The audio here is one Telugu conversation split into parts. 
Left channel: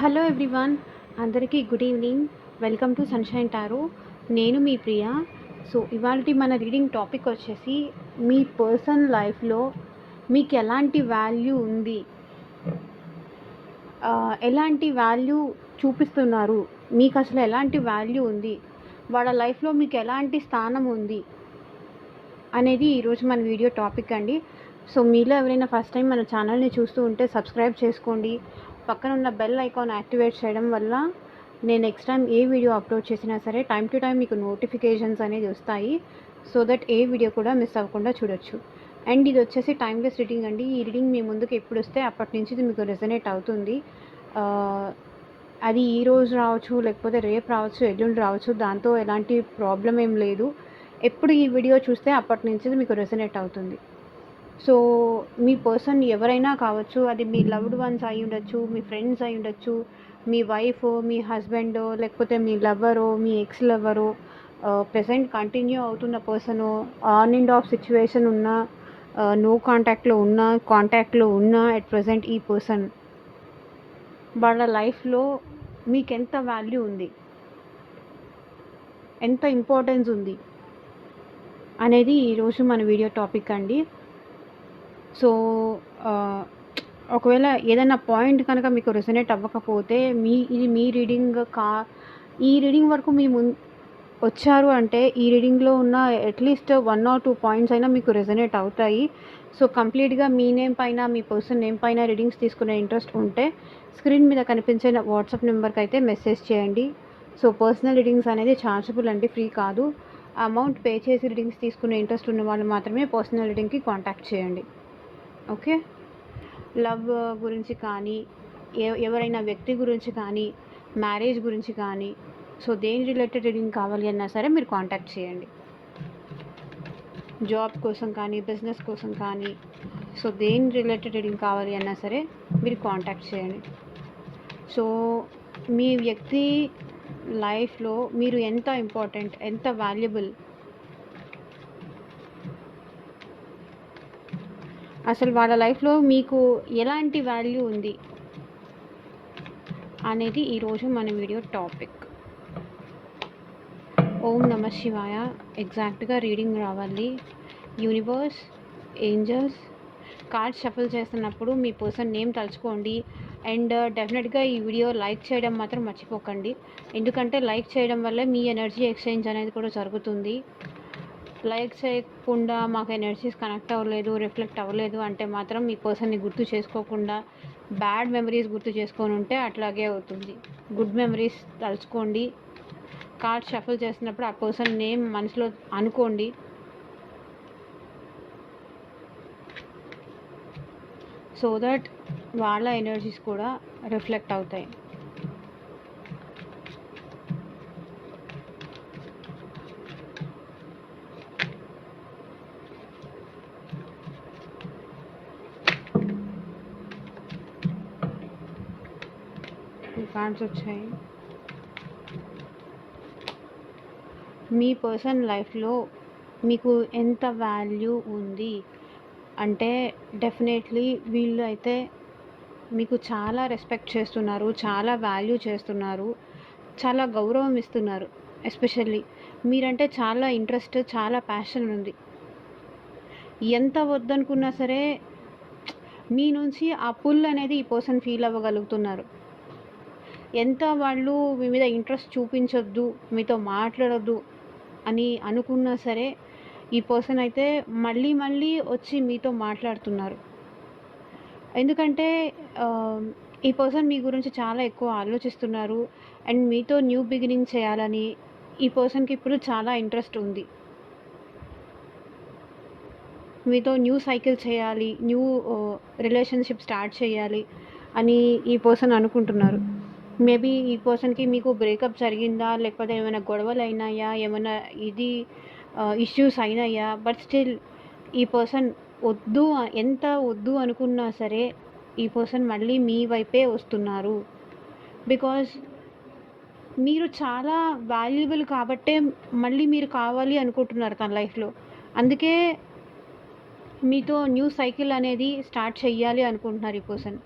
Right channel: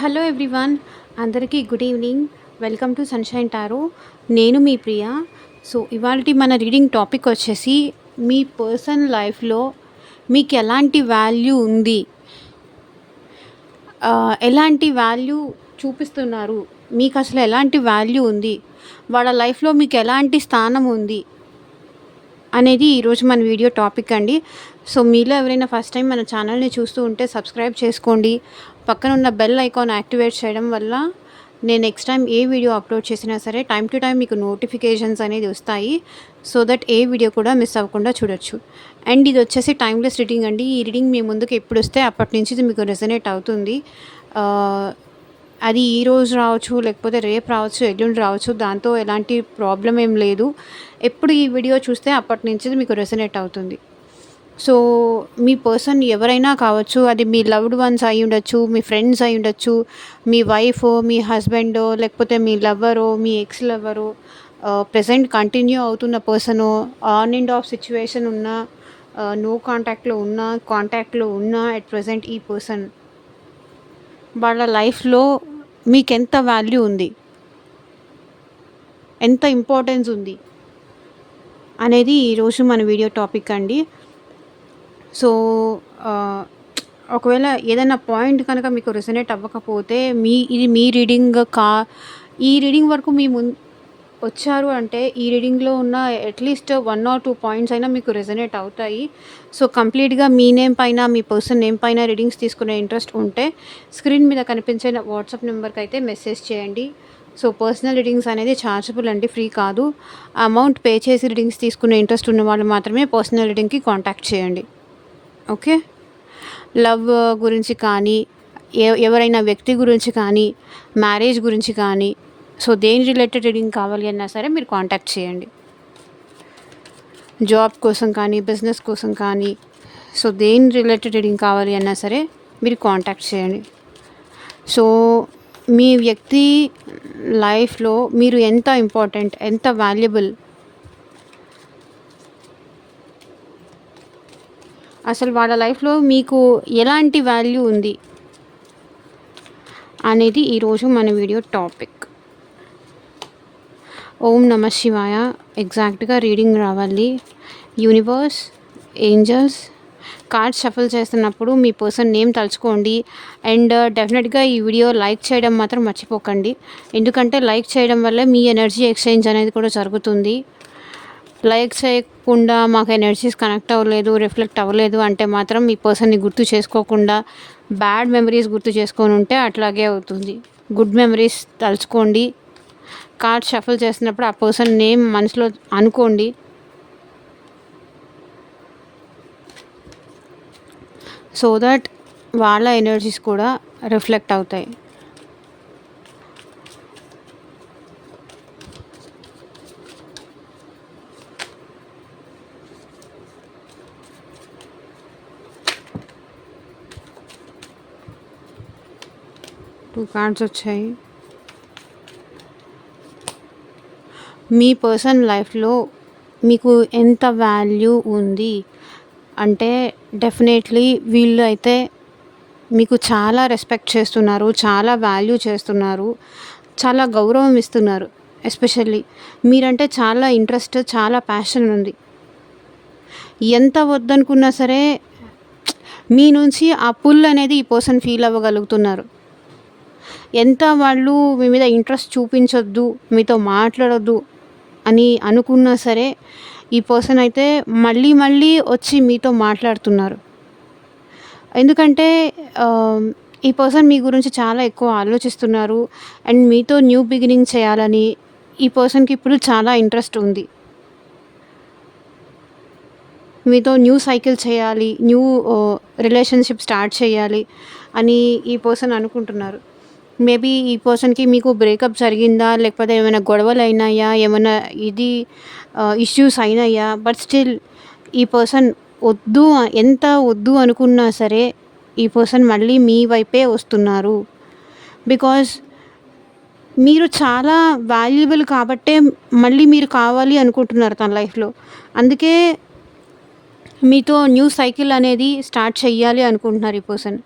హలో ఎవ్రీవన్, అందరికీ good evening. Welcome to sunshine tarot. నేను మీ ప్రియా. సో ఇవాళ మన రీడింగ్ టాపిక్ వచ్చేసి మీ పర్సనల్ లైఫ్లో మీకు ఎలాంటి వాల్యూ ఉంది, ఎలాంటి వాల్యూ చూపిస్తున్నారు, మీకు అసలు ఎలాంటి వాల్యూ ఉంది, వాళ్ళ లైఫ్లో మీకు ఎలాంటి స్థానం ఉంది అనేది ఈరోజు మన వీడియో టాపిక్ అండి. సో మీలో ఎవరైనా ఫస్ట్ టైం మన ఛానల్ని చూస్తూ ఉంటే సబ్స్క్రైబ్ చేసుకోండి. పక్కన ఉన్న బెల్ ఐకాన్ యాక్టివేట్ చేయడం వల్ల నేను నెక్స్ట్ టైం ఏ వీడియో అప్లోడ్ చేసినా సరే టైం టు టైం మీకు నోటిఫికేషన్స్ అనేది వస్తాయి. సో దట్ ఏ వీడియో కూడా మిస్ అవ్వకుండా చూడొచ్చు. అండ్ ఇది వచ్చేసి టైమ్లెస్ రీడింగ్ అండి. ఈ రీడింగ్ మీ ముందుకు ఎప్పుడు వస్తే అప్పటి నుంచి ఇది మీకు రెజనేట్ అవుతుంది. అది ఈరోజు రావచ్చు, లేకపోతే రేపు రావచ్చు, ఎల్లుండి రావచ్చు. దాంతో ఎలాంటి ప్రాబ్లం ఏం లేదు. ఎప్పుడు ఈ వీడియో చూస్తే అప్పటి నుంచి మీకు రెజనేట్ అవుతుంది. సో మీ పర్సన్ ఎవరైనా కావచ్చు, అది మీ లవ్డ్ వన్స్ అయి ఉండొచ్చు, మీ ఫ్రెండ్స్ అయి ఉండొచ్చు, మీ వైఫో, మీ హస్బెండో, లేకపోతే మీ లవ్వరో, మీ ఎక్స్ లవ్వరో, ప్రజెంట్ కంటిన్యూ అవుతున్న పర్సనో, ఆన్ అండ్ ఆఫ్ సిచ్యువేషన్ ఉన్న, నో కాంటాక్ట్లో ఉన్న, కాంటాక్ట్లో ఉన్న అట్ ప్రజెంట్ ఈ పర్సన్ వాళ్ళ లైఫ్లో మీకు ఎంత వాల్యూ ఉంది, ఎంత ఇంపార్టెన్స్ ఉంది అనేది ఈరోజు మన వీడియో టాపిక్ అండి. సో ఒకవేళ ఏదైనా పాయింట్ కనుక మీకు రెసనేట్ అవ్వకపోతే ఇది మీ రీడింగ్ ఈ రీడింగ్ వరకు మీ వచ్చారు అంటే ఈ రీడింగ్లో ఉన్న అట్లీస్ట్ 1 or 2 పాయింట్స్ అయినా మీకు రెజనేట్ అవుతాయి. సో కంప్లీట్గా మీ నేమ్ పైన, మీ పర్సన్ నేమ్ పైన రీడింగ్స్ తీసుకునే ఇంట్రెస్ట్ ఉంటే స్క్రీన్ మీద కనిపించే వాట్సాప్ నెంబర్కి అయితే మెసేజ్ చేయండి. సో పర్సనల్ రీడింగ్స్ అనేది ఛార్జబుల్ అండి, ఫ్రీ కాదు. అమౌంట్ పే చేసి రీడింగ్స్ తీసుకునే ఇంట్రెస్ట్ ఉన్న వాళ్ళు మాత్రమే పర్సనల్ రీడింగ్కి కాంటాక్ట్ చేయండి. ఓకే. లవ్ గురించి కానీ, ఎవరైనా వ్యక్తి గురించి కానీ, మ్యారేజ్ గురించి కానీ, సో దేని రిలేటెడ్ రీడింగ్ కావాలి అన్నా సరే మీరు కాంటాక్ట్ చేయండి. జాబ్ కోసం కానీ, బిజినెస్ కోసం కానీ, సో దేని రిలేటెడ్ రీడింగ్ కావాలి అన్నా సరే మీరు కాంటాక్ట్ చేయండి. సో మీ వ్యక్తి లైఫ్లో మీరు ఎంత ఇంపార్టెంట్, ఎంత వాల్యుబుల్, అసలు వాళ్ళ లైఫ్లో మీకు ఎలాంటి వాల్యూ ఉంది అనేది ఈరోజు మన వీడియో టాపిక్. ఓం నమ శివాయ. ఎగ్జాక్ట్గా రీడింగ్ రావాలి. యూనివర్స్, ఏంజల్స్, కార్డ్స్ షఫల్ చేస్తున్నప్పుడు మీ పర్సన్ నేమ్ తలుచుకోండి. అండ్ డెఫినెట్గా ఈ వీడియో లైక్ చేయడం మాత్రం మర్చిపోకండి. ఎందుకంటే లైక్ చేయడం వల్ల మీ ఎనర్జీ ఎక్స్చేంజ్ అనేది కూడా జరుగుతుంది. లైక్ చేయకుండా మాకు ఎనర్జీస్ కనెక్ట్ అవ్వలేదు, రిఫ్లెక్ట్ అవ్వలేదు అంటే మాత్రం మీ పర్సన్ని గుర్తు చేసుకోకుండా బ్యాడ్ మెమరీస్ గుర్తు చేసుకొని ఉంటే అట్లాగే అవుతుంది. గుడ్ మెమరీస్ తలుచుకోండి. కార్డ్ షఫల్ చేస్తున్నప్పుడు ఆ పర్సన్ నేమ్ మనసులో అనుకోండి. సో దట్ వాళ్ళ ఎనర్జీస్ కూడా రిఫ్లెక్ట్ అవుతాయి. టూ కార్డ్స్ వచ్చాయి. మీ పర్సన్ లైఫ్లో మీకు ఎంత వాల్యూ ఉంది అంటే డెఫినెట్లీ వీళ్ళు అయితే మీకు చాలా రెస్పెక్ట్ చేస్తున్నారు, చాలా వాల్యూ చేస్తున్నారు, చాలా గౌరవం ఇస్తున్నారు. ఎస్పెషల్లీ మీరంటే చాలా ఇంట్రెస్ట్, చాలా ప్యాషన్ ఉంది. ఎంత వద్దనుకున్నా సరే మీ నుంచి ఆ పుల్ అనేది ఈ పర్సన్ ఫీల్ అవ్వగలుగుతున్నారు. ఎంత వాళ్ళు మీ మీద ఇంట్రెస్ట్ చూపించొద్దు, మీతో మాట్లాడొద్దు అని అనుకున్నా సరే ఈ పర్సన్ అయితే మళ్ళీ మళ్ళీ వచ్చి మీతో మాట్లాడుతున్నారు. ఎందుకంటే ఈ పర్సన్ మీ గురించి చాలా ఎక్కువ ఆలోచిస్తున్నారు. అండ్ మీతో న్యూ బిగినింగ్ చేయాలని ఈ పర్సన్కి ఇప్పుడు చాలా ఇంట్రెస్ట్ ఉంది. మీతో న్యూ సైకిల్ చేయాలి, న్యూ రిలేషన్షిప్ స్టార్ట్ చేయాలి అని ఈ పర్సన్ అనుకుంటున్నారు. మేబీ ఈ పర్సన్కి మీకు బ్రేకప్ జరిగిందా, లేకపోతే ఏమైనా గొడవలు అయినాయా, ఏమైనా ఇష్యూస్ అయినాయా, బట్ స్టిల్ ఈ పర్సన్ ఎంత వద్దు అనుకున్నా సరే ఈ పర్సన్ మళ్ళీ మీ వైపే వస్తున్నారు. బికాజ్ మీరు చాలా వాల్యుబుల్ కాబట్టే మళ్ళీ మీరు కావాలి అనుకుంటున్నారు తన లైఫ్లో. అందుకే మీతో న్యూ సైకిల్ అనేది స్టార్ట్ చెయ్యాలి అనుకుంటున్నారు ఈ person.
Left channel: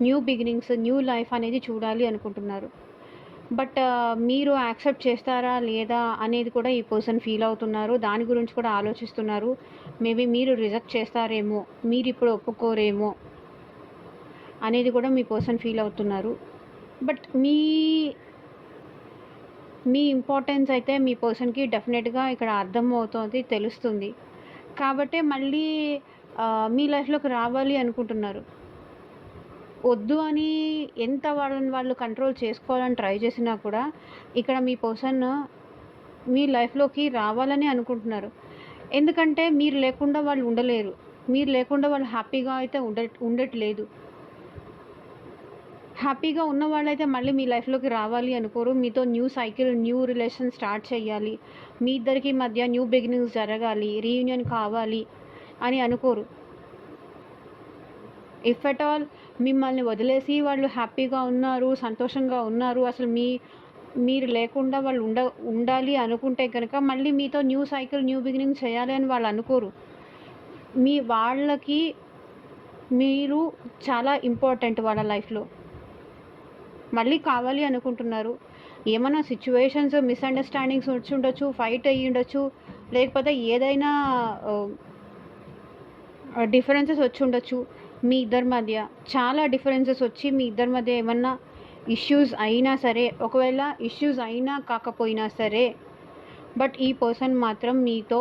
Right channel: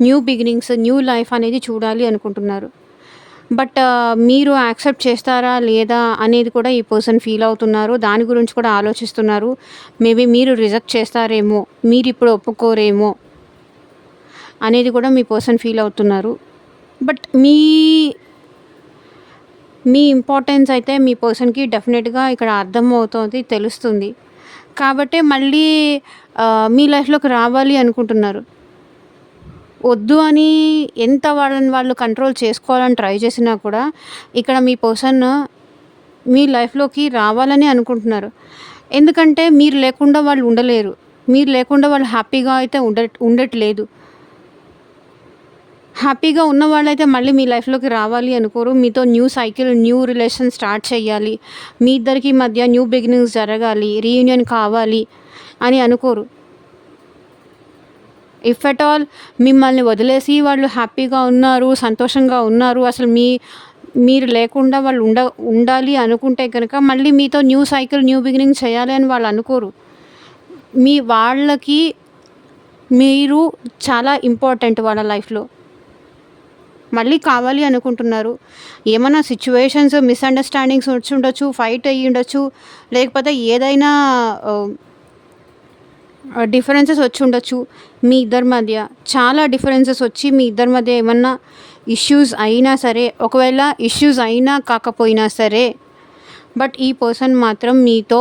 New beginnings, new life అనేది చూడాలి అనుకుంటున్నారు. బట్ మీరు యాక్సెప్ట్ చేస్తారా లేదా అనేది కూడా ఈ పర్సన్ ఫీల్ అవుతున్నారు. దాని గురించి కూడా ఆలోచిస్తున్నారు. మేబీ మీరు రిజెక్ట్ చేస్తారేమో, మీరిప్పుడు ఒప్పుకోరేమో అనేది కూడా మీ పర్సన్ ఫీల్ అవుతున్నారు. బట్ మీ ఇంపార్టెన్స్ అయితే మీ పర్సన్‌కి డెఫినెట్‌గా ఇక్కడ అర్థమవుతోంది, తెలుస్తుంది. కాబట్టే మళ్ళీ మీ లైఫ్‌లోకి రావాలి అనుకుంటున్నారు. వద్దు అని ఎంత వాళ్ళని వాళ్ళు కంట్రోల్ చేసుకోవాలని ట్రై చేసినా కూడా ఇక్కడ మీ పర్సన్ మీ లైఫ్‌లోకి రావాలని అనుకుంటున్నారు. ఎందుకంటే మీరు లేకుండా వాళ్ళు ఉండలేరు. మీరు లేకుండా వాళ్ళు హ్యాపీగా అయితే ఉండట్లేదు. హ్యాపీగా ఉన్న వాళ్ళైతే మళ్ళీ మీ లైఫ్‌లోకి రావాలి అనుకోరు. మీతో new cycle, new relation start చేయాలి. మీ ఇద్దరికి మధ్య న్యూ బిగినింగ్స్ జరగాలి, రీయూనియన్ కావాలి అని అనుకోరు. ఇఫ్ ఎట్ ఆల్ మిమ్మల్ని వదిలేసి వాళ్ళు హ్యాపీగా ఉన్నారు, సంతోషంగా ఉన్నారు, అసలు మీరు లేకుండా వాళ్ళు ఉండాలి అనుకుంటే గనక మళ్ళీ మీతో న్యూ సైకిల్, న్యూ బిగినింగ్ చేయాలి అని వాళ్ళు అనుకోరు. వాళ్ళకి మీరు చాలా ఇంపార్టెంట్ వాళ్ళ లైఫ్‌లో. మళ్ళీ కావాలి అనుకుంటున్నారు. ఏమన్నా సిట్యుయేషన్స్, మిస్‌అండర్‌స్టాండింగ్స్ వచ్చుండొచ్చు, ఫైట్ అయ్యుండొచ్చు, లేకపోతే ఏదైనా డిఫరెన్సెస్ వచ్చుండొచ్చు మీ ఇద్దరి మధ్య. చాలా డిఫరెన్సెస్ వచ్చి మీ ఇద్దరి మధ్య ఏమన్నా ఇష్యూస్ అయినా సరే, ఒకవేళ ఇష్యూస్ అయినా కాకపోయినా సరే, బట్ ఈ పర్సన్ మాత్రం మీతో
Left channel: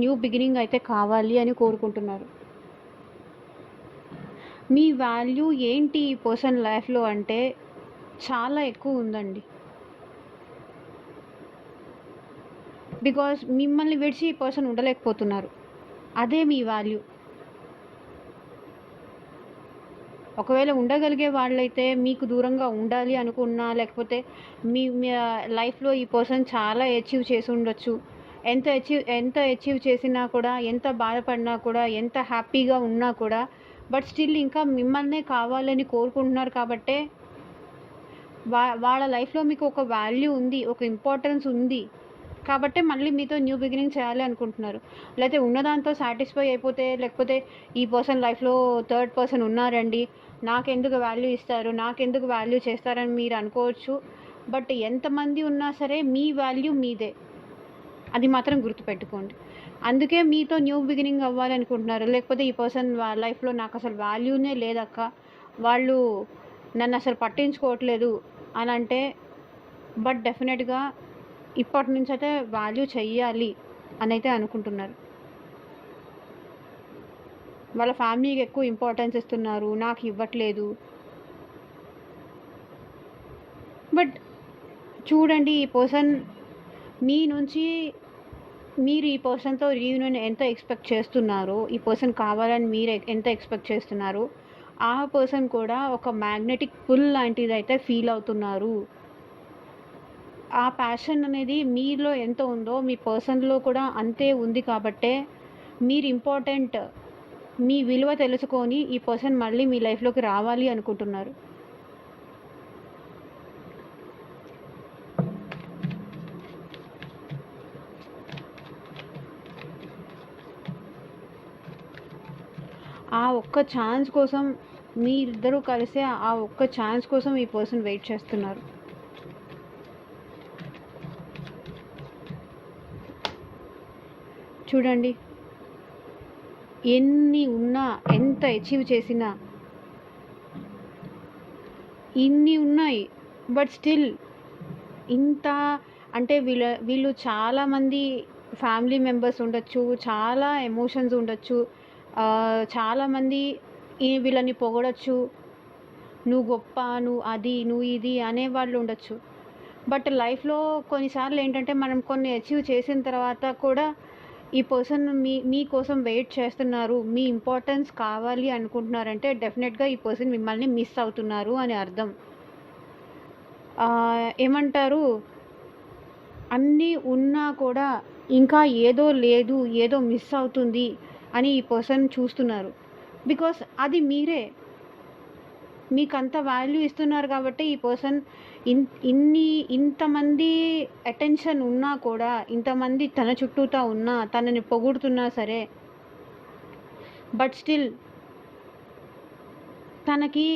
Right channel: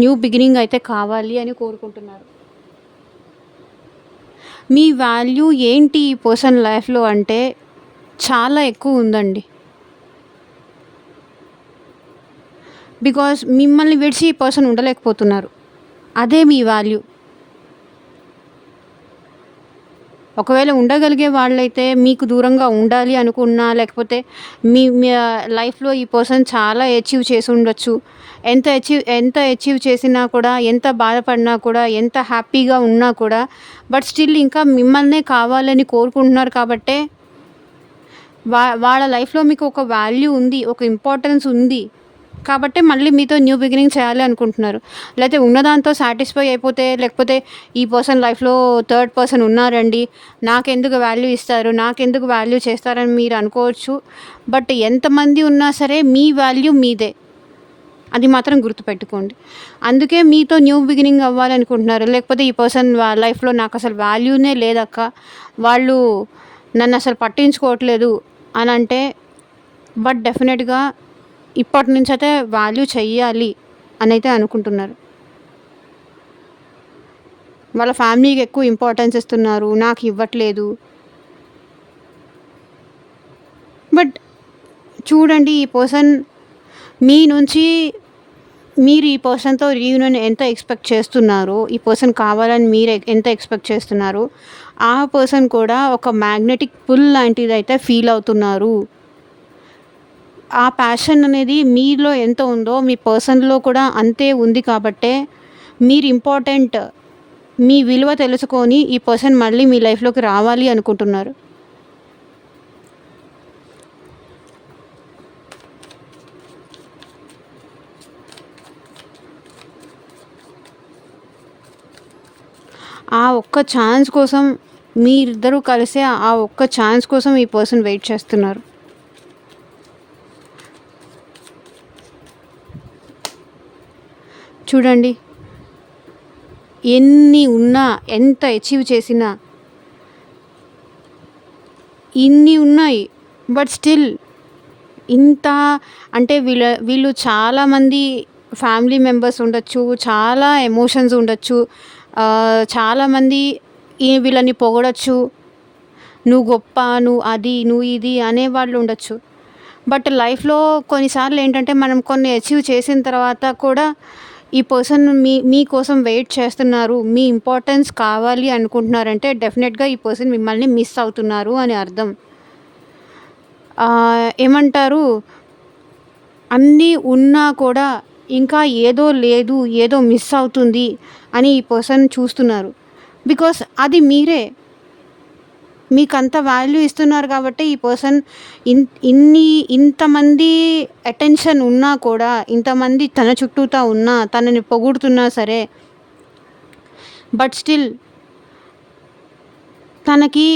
న్యూ బిగినింగ్ అయితే కావాలి అని కోరుకుంటున్నారు. మీ వాల్యూ ఏంటి ఈ పర్సన్ లైఫ్‌లో అంటే చాలా ఎక్కువ ఉందండి. బికాజ్ మిమ్మల్ని విడిచి ఈ పర్సన్ ఉండలేకపోతున్నారు. అదే మీ వాల్యూ. ఒకవేళ ఉండగలిగే వాళ్ళైతే మీకు దూరంగా ఉండాలి అనుకున్నా, లేకపోతే మీ మీ లైఫ్‌లో ఈ పర్సన్ చాలా అచీవ్ చేసి ఉండొచ్చు. ఎంత అచీవ్ చేసినా కూడా, ఎంత బాధపడినా కూడా, ఎంత హ్యాపీగా ఉన్నా కూడా, బట్ స్టిల్ ఇంకా మిమ్మల్నే కావాలని కోరుకుంటున్నారు కాబట్టే వాళ్ళ లైఫ్‌లో మీకు ఒక వాల్యూ ఉంది, ఒక ఇంపార్టెన్స్ ఉంది. కాబట్టే మళ్ళీ మీతో న్యూ బిగినింగ్ చేయాలి అనుకుంటున్నారు. లేతే ఉన్నదాంతో సాటిస్ఫై అయిపోతే, లేకపోతే ఈ పర్సన్ లైఫ్‌లో థర్డ్ పర్సన్ ఉన్నారండి, నాకెందుకు వాల్యూ ఇస్తారు, నాకెందుకు వాల్యూ చేస్తారని మీరు అనుకోవచ్చు. బట్ ఎంతమంది ఉన్నా సరే మీ వాల్యూ మీదే. అది మాత్రం గుర్తుపెట్టుకోండి. అందుకే మీతో న్యూ బిగినింగ్ అవ్వాలనుకుంటున్నారు. లేకపోతే ఈ పర్సన్ లైఫ్‌లో నాకసలు వాల్యూనే లేదక్క, వాళ్ళు నన్నసలు పట్టించుకోవట్లేదు అనంటే, బట్ డెఫినెట్‌గా ఇప్పటి నుంచయితే వాల్యూ చెయ్యాలి అనైతే అనుకుంటున్నారు. వాళ్ళ ఫ్యామిలీకి ఎక్కువ ఇంపార్టెన్స్ ఇస్తున్నారు, నాకు ఇవ్వట్లేదు. బట్ చూడండి, ఈ పర్సన్ మీ నుంచి మీరు ఈ పర్సన్‌తో రీయూనియన్ ఎంత ఎక్స్‌పెక్ట్ చేస్తున్నారో, ఈ పర్సన్ కావాలని మీరు ఎంత ఎక్స్‌పెక్ట్ చేస్తున్నారో, ఆ పర్సన్ కూడా ఒక మ్యాగ్నెటిక్ పుల్ లాంటిదైతే ఫీల్ అవుతున్నారు. ఆ ప్యాషన్ అనేది మీలో ఎంత ఉందో మీ పర్సన్‌లో కూడా అంతే ఉంది కాబట్టే మీరు ఇంపార్టెంట్, మీ విలువ తెలుసుకొని ఈ పర్సన్ మళ్ళీ మీ లైఫ్‌లోకి రావాలి అనుకుంటున్నారు. ఆ ఒక్క ఛాన్స్ కోసం మీరిద్దరూ కలిసి ఆ ఒక్క ఛాన్స్ కోసం ఈ పర్సన్ వెయిట్ చేస్తున్నారు. చూడండి, ఎన్ని ఉన్నా, ఎంత అచీవ్ చేసినా, ఇన్ని ఉన్నాయి, బట్ స్టిల్ ఇంత అంటే వీళ్ళు చాలామంది ఫ్యామిలీ మెంబర్స్ ఉండొచ్చు, చాలా ఎమోషన్స్ ఉండొచ్చు, చాలామంది వీళ్ళని పొగడొచ్చు, నువ్వు గొప్ప, నువ్వు అది, నువ్వు ఇది అనేవాళ్ళు ఉండొచ్చు. బట్ లైఫ్‌లో కొన్నిసార్లు ఏంటంటే మనం కొన్ని అచీవ్ చేసిన తర్వాత కూడా ఈ పర్సన్ మీకోసం వెయిట్ చేస్తున్నారు, మీ ఇంపార్టెన్స్ కావాలి అనుకుంటున్నారంటే డెఫినెట్‌గా ఈ పర్సన్ మిమ్మల్ని మిస్ అవుతున్నారు అని అర్థం. ఏమంటారు, అన్నీ ఉన్నా కూడా ఇంకా ఏదో లేదు, ఏదో మిస్ అవుతుంది అని ఈ పర్సన్ చూస్తున్నారు. బికాస్ అది మీరే. మీకంత వాల్యూ ఇస్తున్నారు కాబట్టి ఈ పర్సన్ ఇంతమంది అటెన్షన్ ఉన్నా కూడా, ఇంతమంది తన చుట్టూతా ఉన్నా, తనని పొగుడుతున్నా సరే, బట్ స్టిల్ తనకి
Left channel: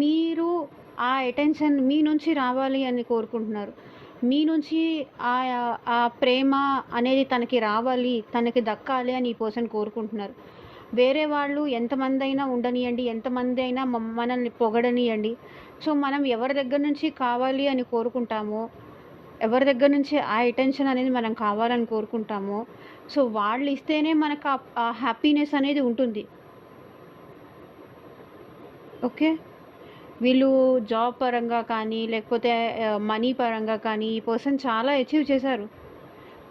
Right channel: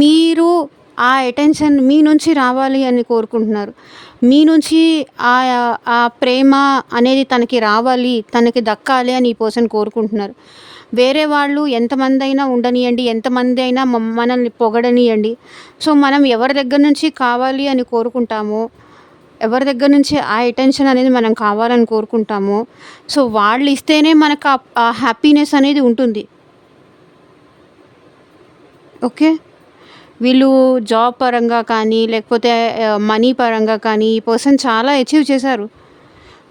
మీరు ఆ అటెన్షన్ మీ నుంచి రావాలి అని కోరుకుంటున్నారు. మీ నుంచి ఆ ప్రేమ అనేది తనకి రావాలి, తనకి దక్కాలి అని ఈ పర్సన్ కోరుకుంటున్నారు. వేరే వాళ్ళు ఎంతమందైనా ఉండనియండి, ఎంతమంది అయినా మనల్ని పొగడనియండి. సో, మనం ఎవరి దగ్గర నుంచి కావాలి అని కోరుకుంటామో, ఎవరి దగ్గర నుంచి ఆ అటెన్షన్ అనేది మనం కావాలని కోరుకుంటామో, సో, వాళ్ళు ఇస్తేనే మనకు ఆ హ్యాపీనెస్ అనేది ఉంటుంది. ఓకే. వీళ్ళు జాబ్ పరంగా కానీ, లేకపోతే మనీ పరంగా కానీ, ఈ పర్సన్ చాలా అచీవ్ చేశారు.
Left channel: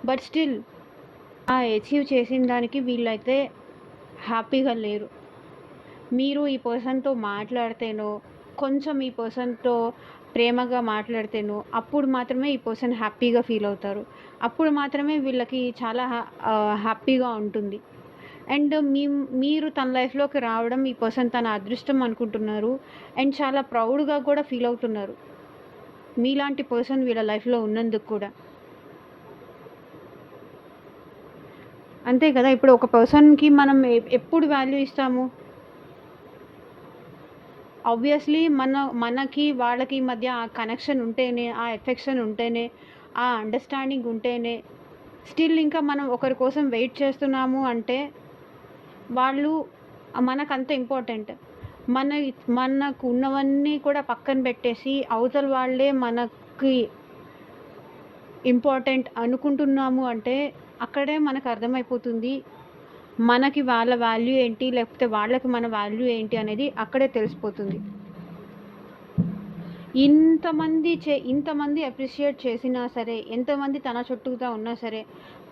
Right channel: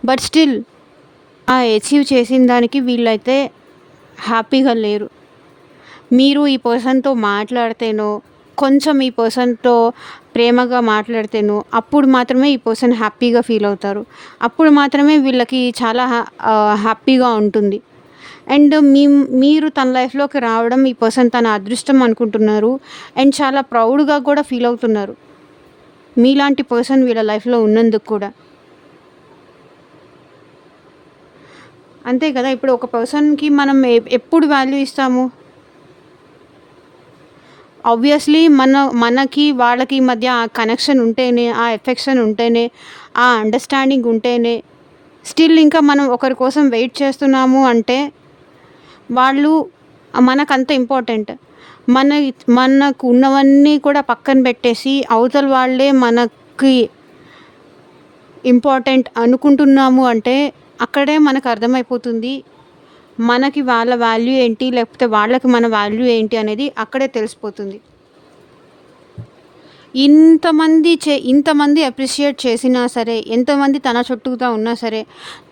బట్ స్టిల్ ఆ అచీవ్ చేసిన దానికి వీళ్ళైతే హ్యాపీగా లేరు. మీరు ఈ పర్సన్‌తో మాట్లాడితేనో, కొంచెం ఈ పర్సన్‌తో ప్రేమగా మాట్లాడితేనో, అప్పుడు మాత్రమే ఈ పర్సన్ హ్యాపీగా ఫీల్ అవుతారు. అప్పుడు మాత్రమే వీళ్ళకి చాలా హ్యాపీగా ఉంటుంది. అండ్ మీరు తన లైఫ్‌లోకి రావడం ఈ పర్సన్ తన అదృష్టం అనుకుంటున్నారు. అండ్ చాలా ప్రౌడ్‌గా కూడా ఫీల్ అవుతున్నారు. మీలాంటి పర్సన్ వీళ్ళ లైఫ్‌లో ఉన్నందుకు కూడా. అంతే కదా! ఇప్పుడు ఒక పర్సన్‌కి మనం ఎప్పుడు వాల్యూ ఇస్తాము? ఆబ్వియస్లీ మనకి వాళ్ళకి మధ్య ఆ కనెక్షన్ ఉంటేనే, ఆ ఎఫెక్షన్ ఉంటేనే, ఆ అండర్‌స్టాండింగ్ ఉంటేనే, స్టిల్ ఇంకా మనం ఒకరి కోసం వెయిట్ చేస్తున్నాము అంటే, వాళ్ళు మనకంత ఇంపార్టెంట్. మన మనకు ఉన్నవన్నీ కూడా పక్కన పెట్టేసి, అవతల వాళ్ళే మనకి ఇంపార్టెంట్ అనుకుంటున్నాము అంటే, అక్కడే మనకు అర్థమైపోతుంది. మనకి వాళ్ళ వాల్యూ ఏంటి, లేకపోతే వాళ్ళకి మన వాల్యూ ఏంటి అనేది అక్కడే తెలిసిపోతుంది. ఇంతమంది అప్రిషియేట్ చేసినా సరే, ఎంతమంది తన చుట్టూతా ఉన్నా సరే,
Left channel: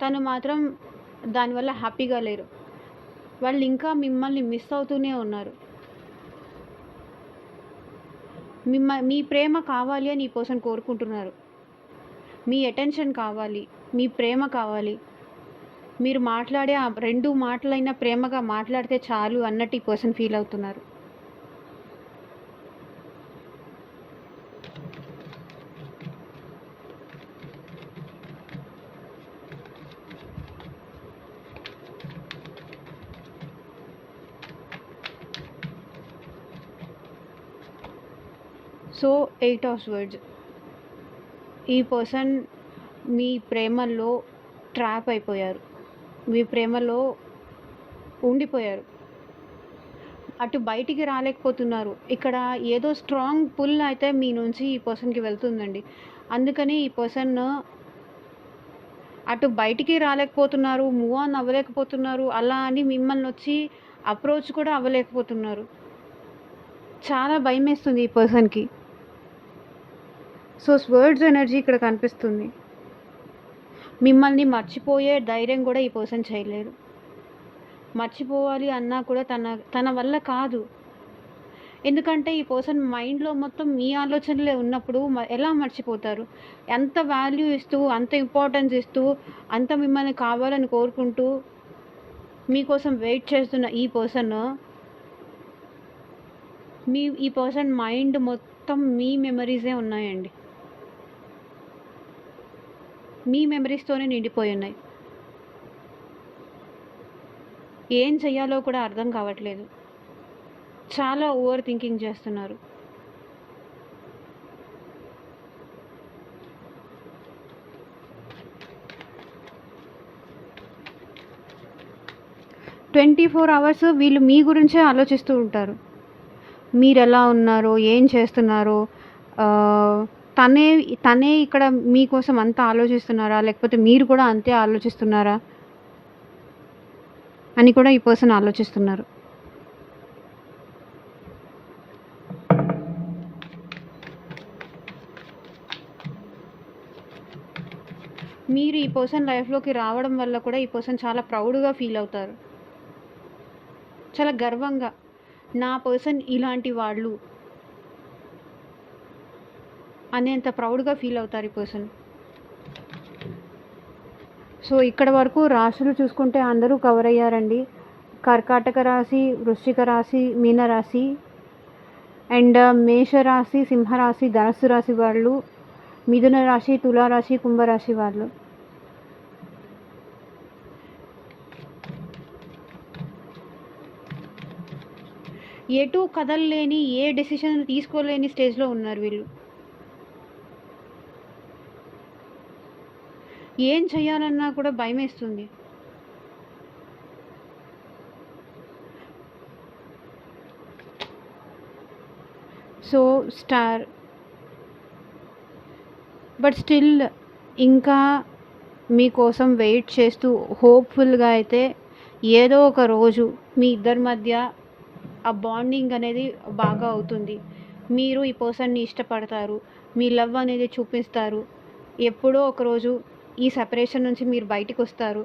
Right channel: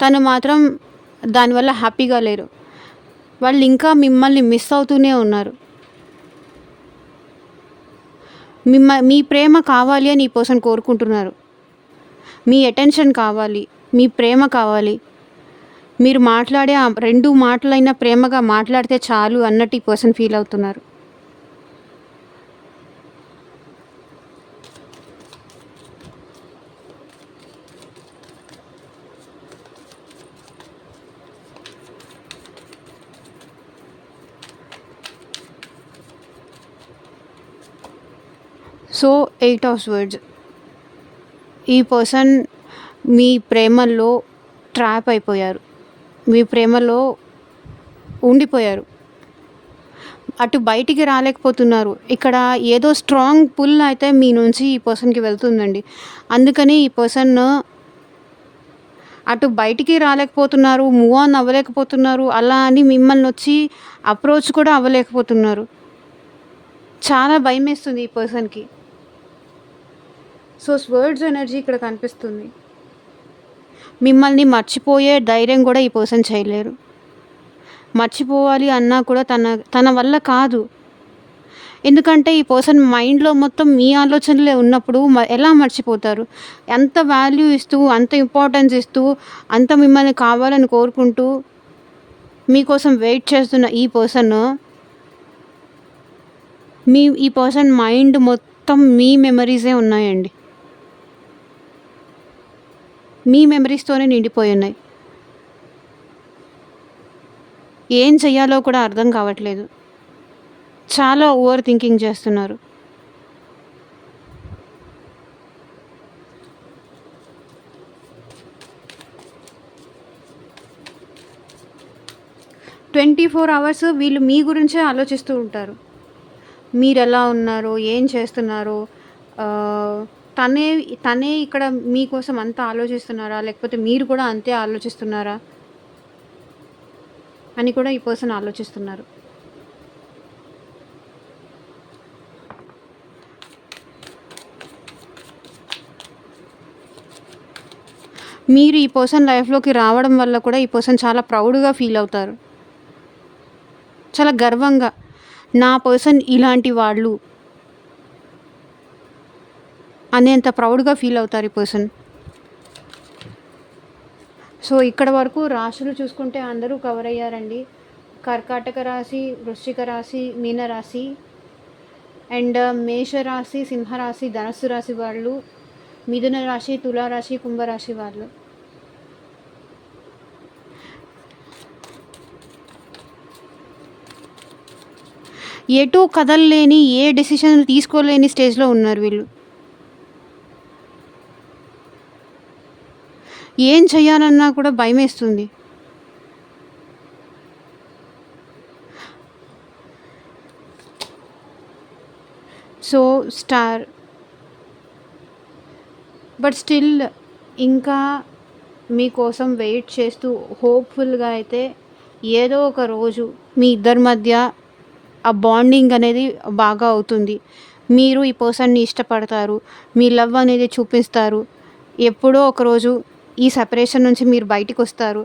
తను మాత్రం దానివల్ల హ్యాపీగా లేరు. వాళ్ళు ఇంకా మిమ్మల్ని మిస్ అవుతూనే ఉన్నారు. మీ ప్రేమ కావాలి అని ఈ పర్సన్ కోరుకుంటున్నారు. మీ అటెన్షన్ కావాలి, మీ ప్రేమ కావాలి. మీరు మాట్లాడే ఆ 2 మాటలైనా ప్రేమగా మాట్లాడితే చాలు అన్నట్టు ఈ పర్సన్ ఫీల్ అవుతున్నారు. So 8 of swords. ఈ పర్సన్ మీ ప్రేమలో ట్రాప్ అయిపోయారు. మీ ప్రేమలో ఉండిపోయారు. అటు బయటికి రాలేకపోతున్నారు. ఇక్కడ ఏదో స్ట్రాంగ్ పుల్ అయితే మీ నుంచి ఈ పర్సన్‌కి వెళ్తుందండి. అందుకని ఈ పర్సన్ అటు బయటికి రాలేకపోతున్నారు, మూవ్ ఆన్ అవ్వలేకపోతున్నారు. అలా అని మిమ్మల్నొచ్చి అప్రోచ్ కూడా అవ్వలేకపోతున్నారు. చాలా భయమేస్తుంది ఈ పర్సన్‌కి. సో, స్వర్డ్స్ ఎనర్జీ ఇక్కడ కనిపిస్తుంది. మిమ్మల్ని మర్చిపోయే ధైర్యం కూడా ఈ పర్సన్ చేయలేరు. మర్చిపోవాలి అన్నా కూడా తన వల్ల కాదు. ఎందుకంటే ఈ పర్సన్ మైండ్‌లో మొత్తం మీ ఆలోచనలే ఉన్నప్పుడు ఎలా మర్చిపోతారు? అంత వాల్యూ ఇస్తూ, అంత ఇంపార్టెన్స్ ఇస్తూ, అంత మిమ్మల్ని కావాలని కోరుకుంటూ, మీకోసం వెయిట్ చేస్తున్న ఈ పర్సన్ మైండ్ మొత్తం మీ మెమరీసే ఉన్నాయండి. మీ మెమరీస్‌తోనే నిండిపోయి ఉన్నాయి. ఏం చెయ్యాలో కూడా అర్థం కావట్లేదు. చాలా ఓవర్ థింకింగ్ చేస్తున్నారు. ట్వంటీ 24 అవర్స్ వీళ్ళు మీ గురించే ఆలోచిస్తూ ఉంటారు. మీరెలా ఉన్నారో, ఏం చేస్తున్నారో, తనే తనే ఇక్కడ మీకోసం అంత ఆలోచిస్తున్నారా? లేకపోతే మీరు కూడా అంతే ఆలోచిస్తున్నారా? అని కూడా ఈ పర్సన్ ఆలోచిస్తున్నారు. మీరు ఈ పర్సన్ లైఫ్‌లోకి రావడం వల్ల కూడా ఈ పర్సన్ చాలా ప్రౌడ్‌గా ఫీల్ అవుతారు. చాలా గర్వంగా, నా పర్సన్ ఇలాంటి వాళ్ళు అనేంత ప్రౌడ్‌గా ఫీల్ అవుతారు ఈ పర్సన్. సో, ఇక్కడ వరకు రాశులు చూసుకుంటే అందరూ కవర్ అయ్యారండి. కర్కాటక రాశి, వృశ్చిక రాశి, మీన రాశి అండ్ మేషరాశి, సింహరాశి, ధనస్సు రాశి వాళ్ళు, మిథున రాశి, తులారాశి, కుంభరాశి వాళ్ళు. ఎటూ కదలలేని, ఏ డెసిషన్ తీసుకోలేని స్టేజ్‌లో ఉన్నారు వీళ్ళు. ఏం చేయాలన్నా కూడా భయమేస్తుంది. సో, స్టార్ బట్ స్టిల్ ఇంకా మీకోసం వెయిట్ చేస్తూ హోప్‌ఫుల్‌గా అయితే ఏదో ఒక రోజు మీ ఇద్దరి మధ్య ఆ బాండింగ్ అనేది బాగా అవుతుంది. మీరు ఈ పర్సన్‌ని ఇష్టపడతారు. మీ లవ్ అనేది చూపిస్తారు. ఎప్పుడో ఒకరోజు ఈ సెపరేషన్ నుంచి మీరు బయటికొస్తారు.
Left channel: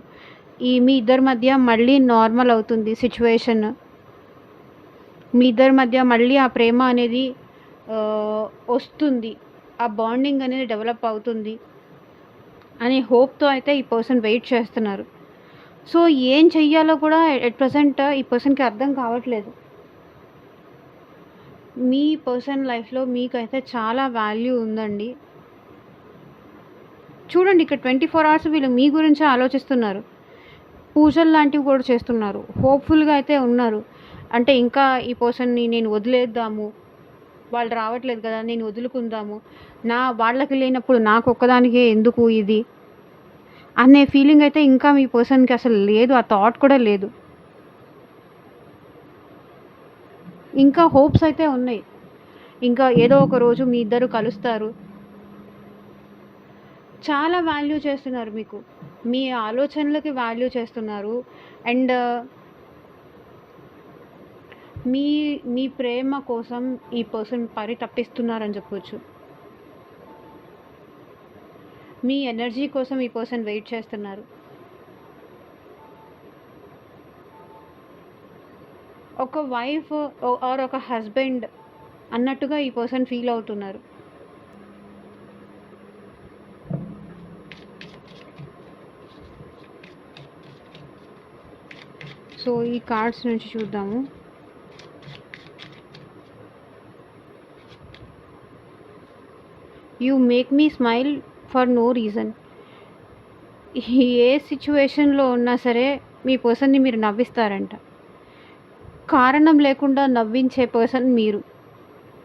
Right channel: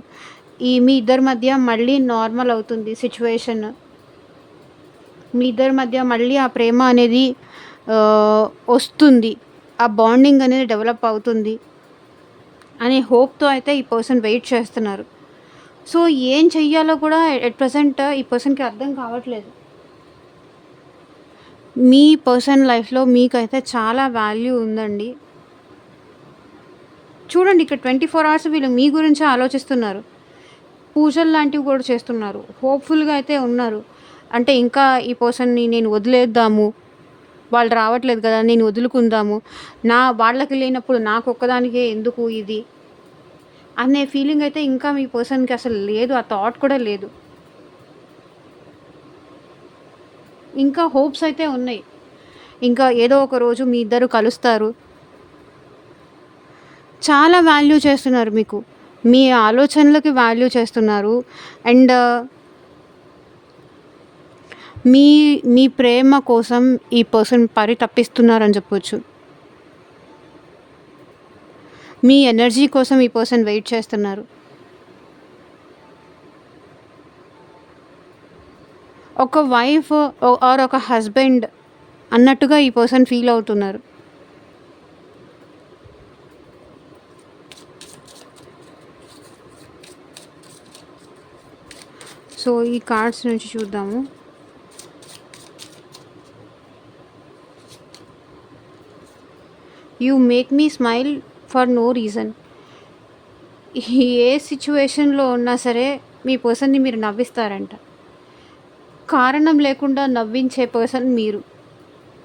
మీ ఇద్దరి మధ్య మళ్ళీ నార్మల్ అవుతుంది సిట్యుయేషన్. మీ ఇద్దరి మధ్య మళ్ళీ ఆ ప్రేమ అనేది వస్తుంది. ఆ బాండింగ్ అనేది డెవలప్ అవుతుంది అనే హోప్‌తో అయితే ఈ పర్సన్ వెయిట్ చేస్తున్నారు. సో, ఏం చెయ్యాలో కూడా ఎట్ ప్రెజెంట్ ఈ పర్సన్‌కి అర్థం కావట్లేదు. మీ పర్సన్ లైఫ్‌లో మీకైతే చాలా వాల్యూ ఉందండి. చూడండి, ఇక్కడ 24 అవర్స్ వీళ్ళు మీ గురించే ఆలోచిస్తున్నారు. పూజలు లాంటివి కూడా చేస్తున్నారు. హోప్‌ఫుల్‌గా అయితే ఉన్నారు. అంటే ఇంకా ఈ పర్సన్‌ని నేను వదిలేద్దాము. వాళ్ళు రావట్లేదు కదా! నేను వదులుకుందాము. వాళ్ళకి లేనప్పుడు నాకొక్కదానికే ఎందుకు ఇది అనే ఫీలింగ్ అయితే ఇంకా మీ పర్సన్‌కి అసలు లేదు. ఆ థాట్ కూడా లేదు. ఇంకా హోప్స్ అయితే ఉన్నాయి. ఇంకా ఏదో ఒక రోజు మీ ఇద్దరు కలుస్తారు. చాలా వాల్యూ చేస్తున్నారు మీకు. మీ ఆలోచనలకి వాల్యూ చేస్తున్నారు. అండ్ మీ మీ ప్రేమ కోసం ఈ పర్సన్ పరితపిస్తున్నారని చెప్పొచ్చు. మీ ఎనర్జీ కోసం ఈ పర్సన్ వెయిట్ చేస్తున్నారు. ఒక వైఫ్ ఆర్ ఒక హస్బెండ్ అన్నట్టుగా ఈ పర్సన్ ఫీల్ అవుతున్నారు. సో, ఈ కార్డ్స్ నుంచి చూద్దాము. You make me smile for no reason. ఏ సిచ్యువేషన్‌లో ఉన్నా సరే మీ పర్సన్‌ని మీరు నవ్విస్తారంట. కారణం లేకుండా నవ్వించే పర్సన్ మీరు.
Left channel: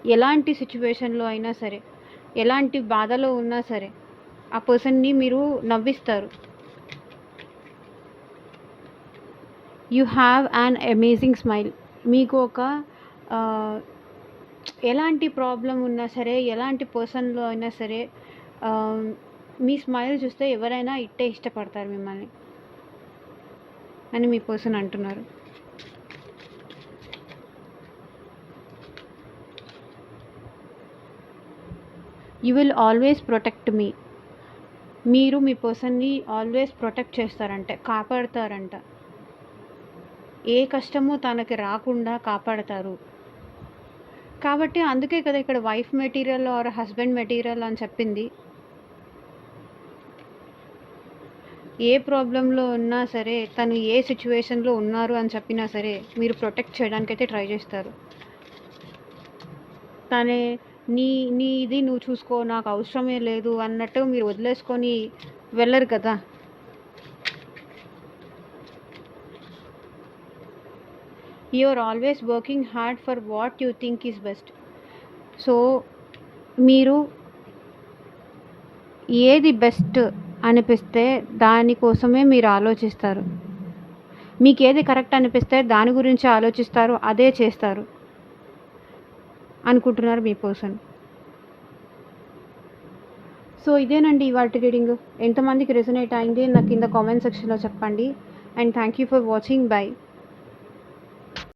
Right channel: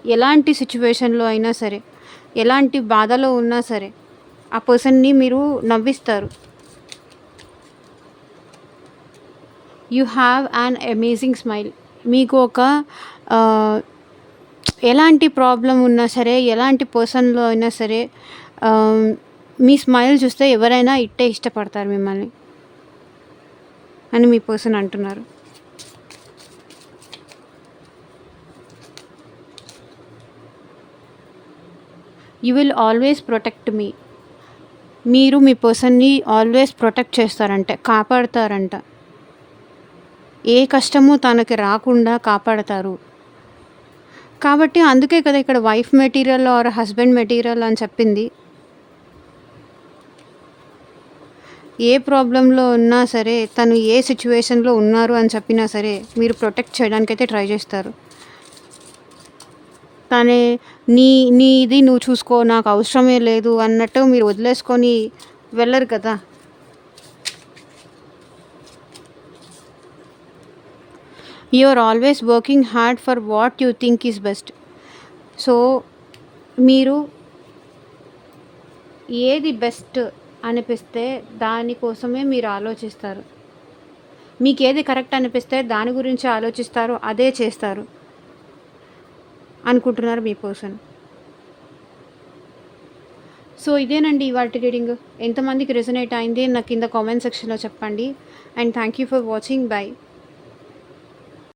ఎలాంటి సిచ్యువేషన్‌లో అయినా సరే, ఎలాంటి బాధలో ఉన్నా సరే ఆ పర్సన్‌ని మీరు నవ్విస్తారు. You have an amazing smile. మీకు ఒక ఎలాంటి ప్రాబ్లమ్ ఉన్నా సరే, ఎలాంటి పర్సన్‌లో అయినా సరే మీ స్మైల్ చూస్తే ఎవరైనా ఇట్టే ఇష్టపడతారు మిమ్మల్ని అని మీ పర్సన్ అంటున్నారు. You will always protect me. మీరు మీ పర్సన్‌ని ఆల్వేస్ ప్రొటెక్ట్ చేస్తారంట, కాపాడతారంట. ఏ కష్టము తనకి రాకుండా కాపాడతారు. కాబట్టి అందుకే కదా ఇక్కడ wife material or husband material అని చెప్పింది. ఏ ప్రాబ్లంలో ఉన్నా సరే, తను ఏ సిచ్యువేషన్‌లో ఉన్నారు అని చెప్పినా సరే మీరు ప్రొటెక్ట్ చేయడానికైతే ట్రై చేస్తారు. తనే నీది నువ్వు చూసుకో, నాకు అవసరమే లేదు అన్నట్టు మీరు వదిలేసుకొని వెళ్ళరు కదా! You are always working hard for what you think is best. So, మీరు ఏది బెస్ట్ అనిపిస్తే దానికోసమే మీరు ఆలోచిస్తారు. మీకేది కరెక్ట్ అనిపిస్తే దాని గురించి ఆలోచిస్తారు, అదే చేస్తారు అనుకుంటున్నారు మీ పర్సన్. సో, ఇదేనండి ఇవాల్టి రీడింగ్. ఎంతమందికి రెజొనేట్ అయింది నాకు కింద కామెంట్ సెక్షన్‌లో చెప్పండి. And thank you for watching. By.